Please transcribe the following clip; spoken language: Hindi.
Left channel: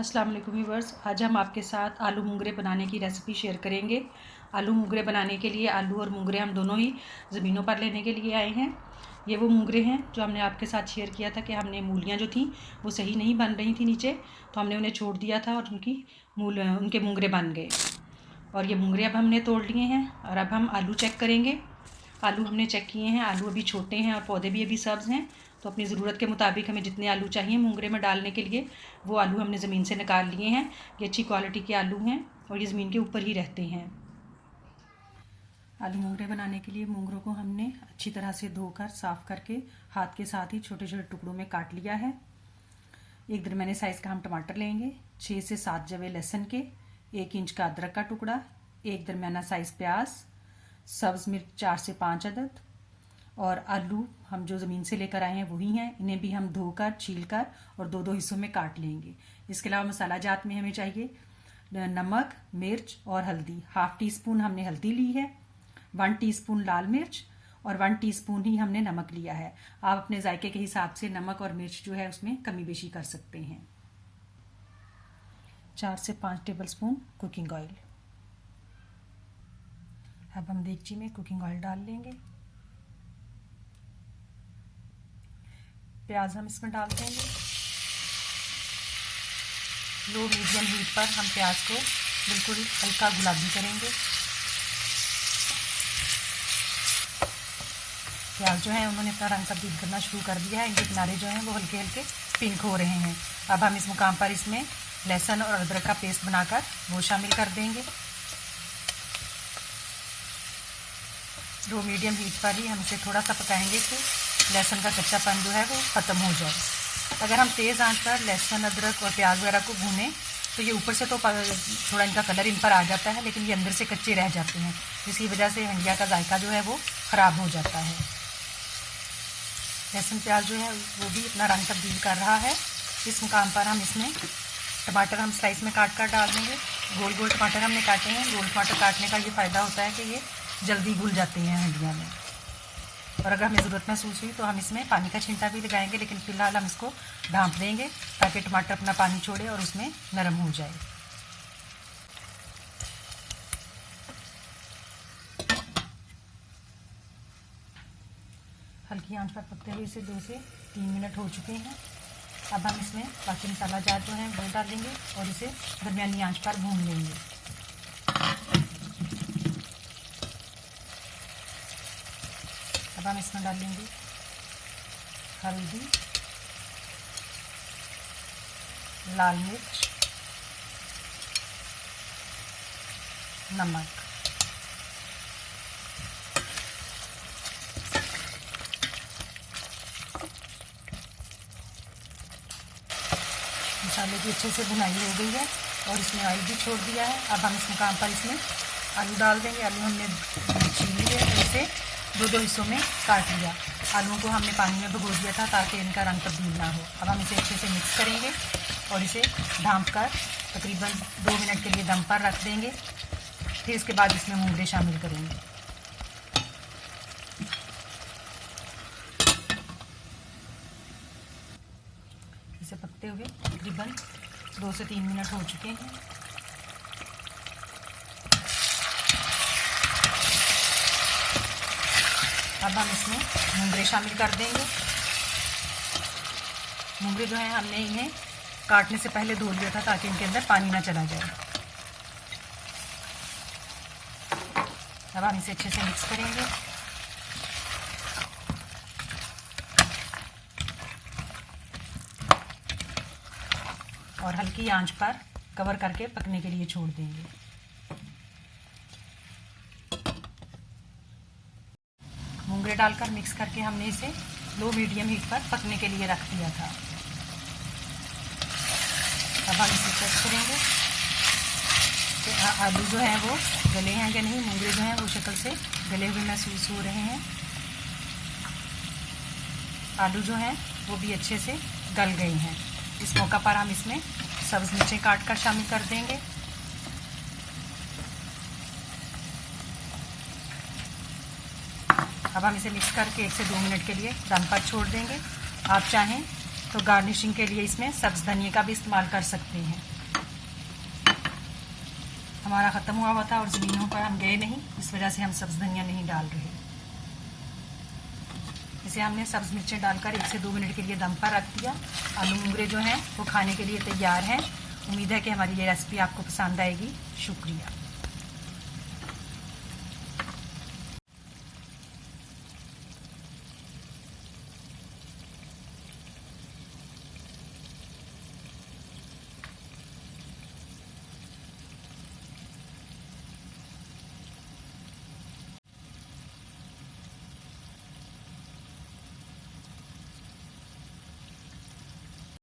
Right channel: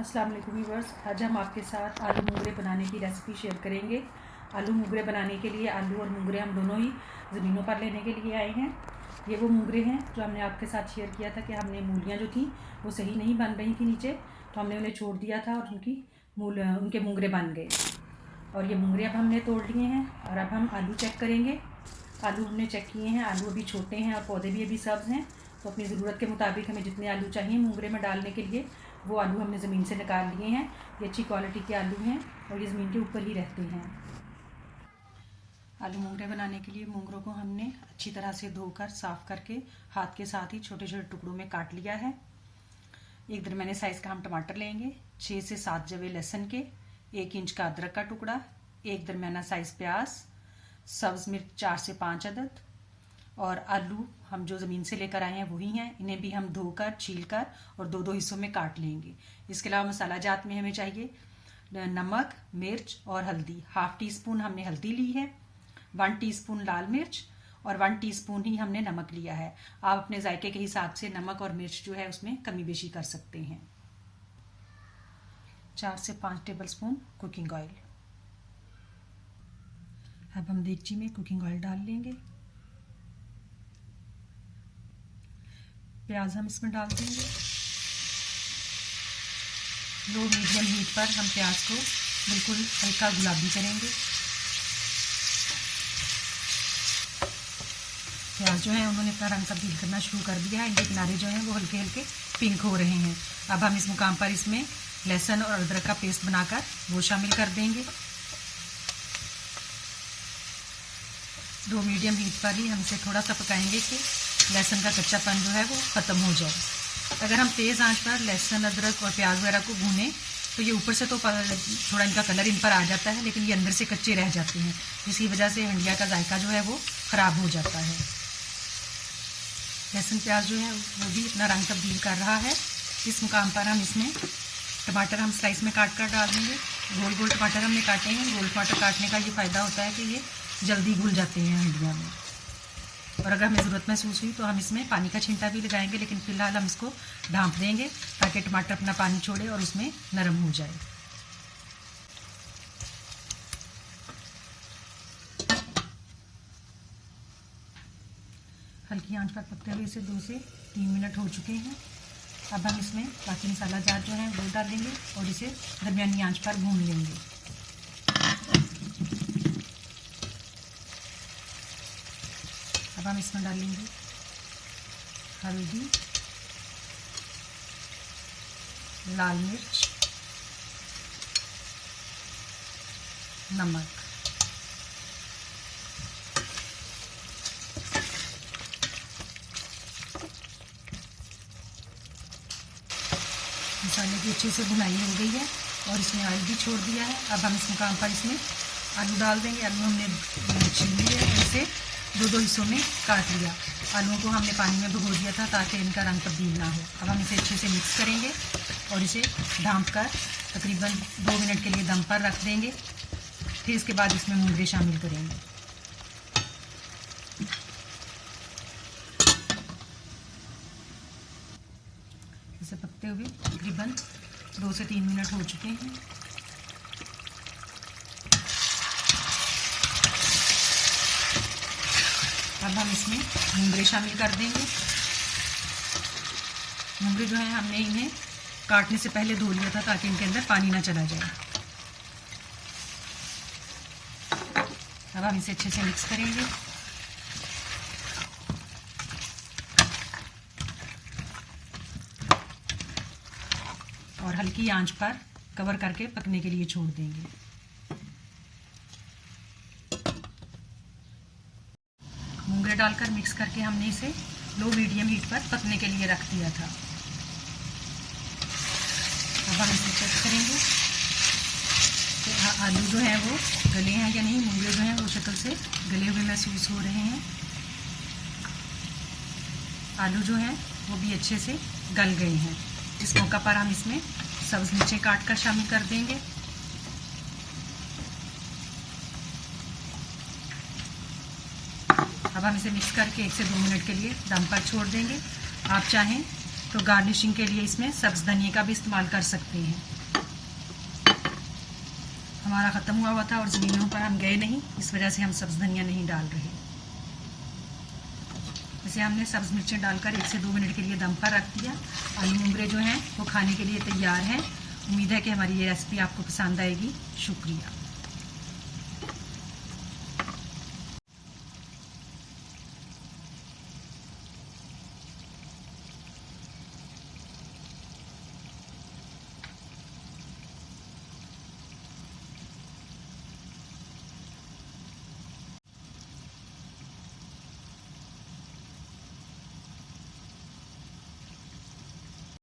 अस्सलाम वालेकुम व्यूअर्स, आज हम आपके साथ आलू मूंगरे बनाने की रेसिपी शेयर करेंगे। आलू मूंगरे बनाने के लिए आलू और मूंगरे हम दोनों ही ज़मीनों पर लेने के लिए आए हैं। ये वो मूंगरे हैं जो हमने आपके साथ शेयर किया था कि हमने मूलियाँ जो थी वो सही नहीं बन रही थी नीचे, तो हमने उन्हें छोड़ दिया था और उनके मूंगरे बन गए। और ये मूंगरे अब हमने तोड़ लिए हैं और अब हम आलू चेक करेंगे। आलू हमने चेक किए हैं, आलू अभी छोटे हैं और पौधे भी अभी सब्ज़ हैं, तो अपनी ज़रूरत के मुताबिक हमें जितने आलू चाहिए मूंगरे में डालने के लिए वो आलू हमने ज़मीन से निकाल लिए हैं। ये अच्छी क्वालिटी के आलू हैं और ये ज़मीन के ऊपर ही रहते हैं। आलू मूंगरे बनाने के लिए मूंगरों को हमने अच्छी तरह से धोकर साफ़ करके हाथ के साथ ही छोटे छोटे टुकड़ों में काट लिया है। एक दरमियाने साइज़ का हम टमाटर लेंगे, 6 से 7 जवे लहसुन के, 1 इंच का अदरक का टुकड़ा, एक दरमियाना साइज़ प्याज, सब्ज़ मिर्च 4 से 5 अदद और आलू हम जो ज़मीन से लेकर आए हैं वही हैं। इन्हें भी हम धोकर छीलकर और दो दो हिस्सों में काट लेंगे। इसके अलावा मसाला जात में हमें चाहिए नमक, मिर्च और हल्दी। 1/2 टीस्पून हमने हल्दी ली है, 1 टीस्पून लाल मिर्च और 1 टीस्पून ही हमने नमक लिया है। आप अपने जायके के हिसाब से नमक और मिर्च जो है उसमें कमी बेशी कर सकते हैं। 4 से 5 टेबल स्पून कुकिंग ऑयल। अब हम देगची में कुकिंग ऑयल डाल लेंगे। प्याज हम इसमें डाल देंगे। लो मीडियम हीट पर हम प्याज को बिल्कुल हल्का गुलाबी करेंगे। प्याज जो है उन्होंने अपना रंग तब्दील करना शुरू कर दिया है। इनके किनारे जो हैं वो हल्के हल्के पिंक हो रहे हैं। अब हम इस मुकाम पर इसमें लहसुन और अदरक का पेस्ट बनाकर वो शामिल कर देंगे। 2 मीडियम हीट पर ही हम इसे थोड़ा सा पकाएंगे कि लहसुन का कच्चापन जो है वो ख़त्म हो जाए। अगर हम तेज़ आंच पर लहसुन, अदरक और प्याज वगैरह को भूनें तो ये ऊपर से तो थोड़ा इनका कलर इन पर आ जाता है, लेकिन ये अंदर से कच्चे रह जाते हैं, जिसकी वजह से हंडिया का जायका जो है वो ख़राब हो जाता है। लहसुन प्याज जो है वो भी अपना रंग तब्दील कर रहा है। इस मुकाम पर हम इसमें टमाटर हम स्लाइस में काट कर डाल देंगे। गोल गोल टमाटर हमने काटे हैं। गोल टमाटर काटने का ये फ़ायदा होता है कि ये जल्दी घुल जाते हैं हंडियों में। और अगर हमें ज़रूरत महसूस हुई तो हम इसमें पानी का छिंटा भी लगाएंगे, लेकिन फ़िलहाल हम इसको ढाँप देंगे ताकि टमाटर अपना पानी छोड़े और उसमें नरम हो जाए। हल्की आंच पर पकते हुए इसे 2 से 3 मिनट हो चुके हैं। अब हम इसमें बाकी मसाला जार जो है वो डालेंगे और इसे दरमियानी आंच पर भून लेंगे। अब हम इसमें डालेंगे हल्दी, लाल मिर्च, नमक। मसाले की अच्छे से भुनाई हो गई है और इसमें ऑयल भी छोड़ दिया है। अब हम इस मुकाम पर इसमें आलू डाल देंगे। आलू हमने छील लिए और इसे दो दो हिस्सों में काट लिया। आलूओं को हमने पानी में भिगो दिया था ताकि इनका रंग तब्दील ना हो। अब हम इसे अच्छे से मिक्स करेंगे और इसे ढाँप कर तकरीबन 2 मिनट के लिए दम पर रख देंगे। फिर इसके बाद इसमें मूंगरे शामिल करेंगे। इसे पकते हुए तकरीबन 2 से 3 मिनट हो चुके हैं। अब हम इसमें मूंगरे शामिल कर देंगे। मूंगरे जो हैं हमने इन्हें काटने से पहले धो लिया था ताकि इनके अंदर पानी ना चला जाए। अब हम इसे अच्छे से मिक्स करेंगे। और हल्की आंच पर कवर करके पकने के लिए छोड़ देंगे। मूंगरे डालकर मिक्स करके हमने इसे लो मीडियम हीट पर पकने के लिए रख दिया था। अब हम इसे चेक करेंगे कि आलू जो हैं वो गले हैं या नहीं। मूंगरे जो हैं वो शक्ल से गले हुए महसूस हो रहे हैं। आलू जो हैं वो भी अच्छे से गल गए हैं। इस मौका पर हम इसमें सब्ज़ मिर्चें काट कर शामिल कर देंगे। अब हम इसे मिक्स करके 1 से 2 मिनट के लिए दम पर छोड़ देंगे। आप चाहें तो गार्निशिंग के लिए इसमें सब्ज धनिया का भी इस्तेमाल कर सकते हैं। हमारा ख़त्म हुआ था और ज़मीनों पर हम गए नहीं, इस वजह से हम सब्ज धनिया नहीं डाल रहे। इसे हमने सब्ज मिर्चें डालकर 1 से 2 मिनट के लिए दम पर रख दिया। आलू मुंगरे जो हैं वो खाने के लिए तैयार हैं। उम्मीद है कि हमारी ये रेसिपी आपको पसंद आएगी। शुक्रिया।